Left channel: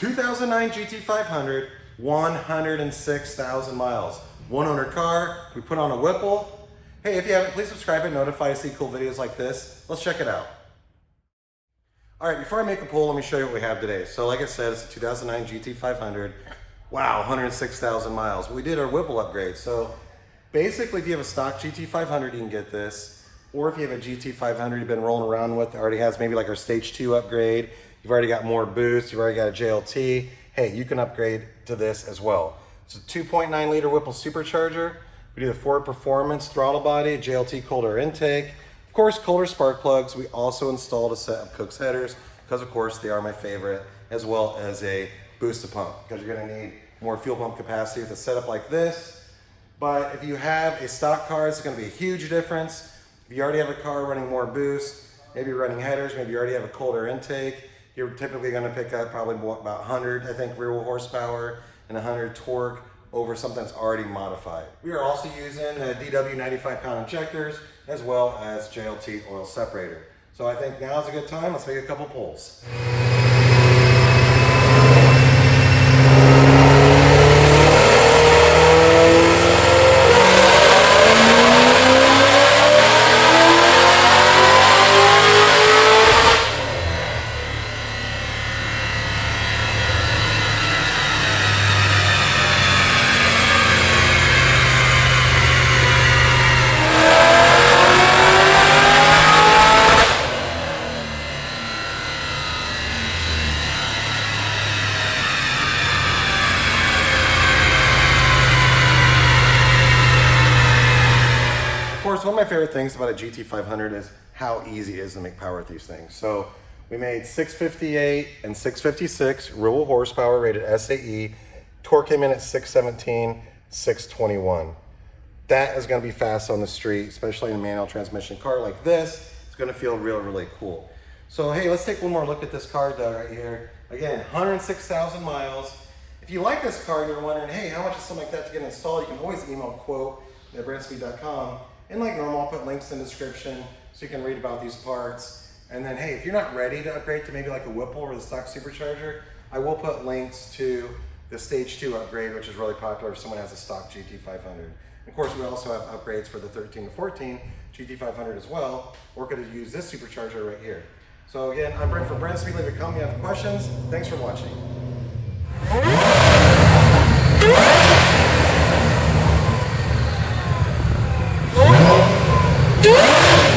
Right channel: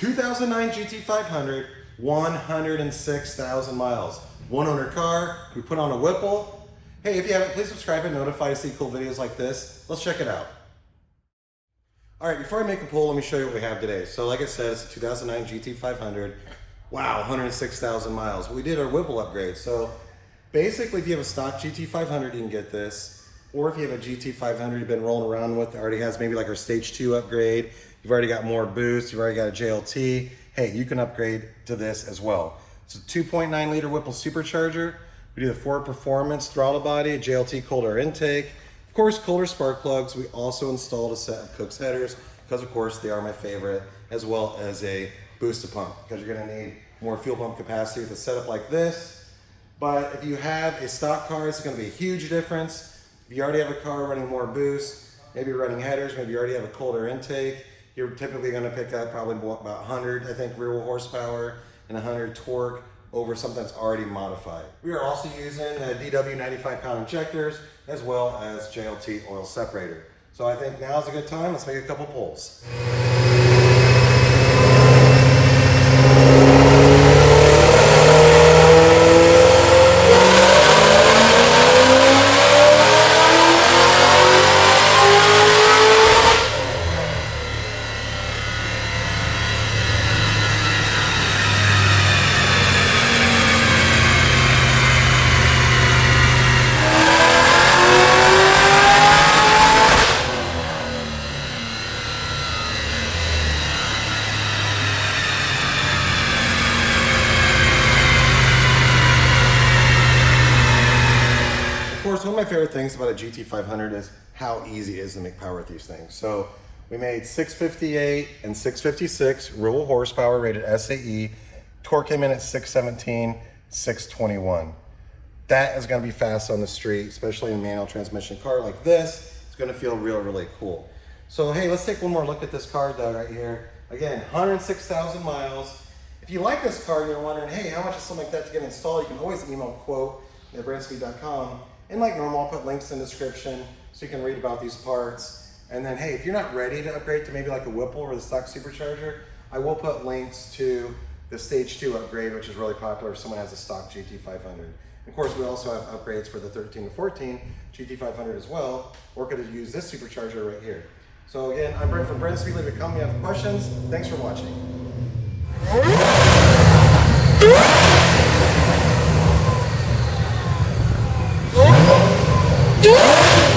2009 GT500, 106,000 miles. One owner car, we put on a Whipple. Hey, if you haven't, please subscribe and notify to see cool videos like this. Let's check it out. All right, before I make a pull, let me show you what we have today. So like I said, it's a 2009 GT500. Wow, 106,000 miles. We did our Whipple upgrade. So basically, if you have a stock GT500, you can get this. Or if you have a GT500 you've been rolling around with, it already has maybe like our stage 2 upgrade. You've already got more boost, you've already got a JLT. Hey, you can upgrade to this as well. It's a 2.9 liter Whipple Supercharger. We do the Ford Performance throttle body, JLT cooler intake. Of course, cooler spark plugs. We also installed a set of Cook's headers because of course they are my favorite, as well as a booster pump because you're gonna need more fuel pump capacity with a setup like this. But if you have a stock car, it's gonna be a huge difference. If you already have a car running more boost, maybe running headers, maybe you already have a cooler intake, you're typically going to pick up probably about 100, I think, rear wheel horsepower and 100 torque over something that's already modified. We are also using DW 95-pound injectors as well as JLT oil separator. So I think now's a good time. Let's make a couple pulls. Of course, one of my favorite things about a GT500 is how easy it is to make power with these things. So we made 658 and 656 rear wheel horsepower rated SAE. Torque came in at 617, 621. That is going to be fast on the street, especially in a manual transmission car like this. It's going to feel really cool. So hey, let's take one more look at this car, Doug, right here. Again, 106,000 miles. If you like this car and you're wondering, hey, how much is something like that to get installed, you can always email quote at brenspeed.com. And like normal, I'll put links in the description so you can read about these parts. And then, hey, if you're not ready to upgrade to maybe like a Whipple or the stock Supercharger, I will put links to the stage 2 upgrade, which is really popular if someone has a stock GT500. Of course, we also have upgrades for the 13 to 14 GT500 as well. We're going to use this Supercharger right here. So again, I'm Brent from Brenspeed. Leave a comment if you have questions. Thanks for watching. Yeah.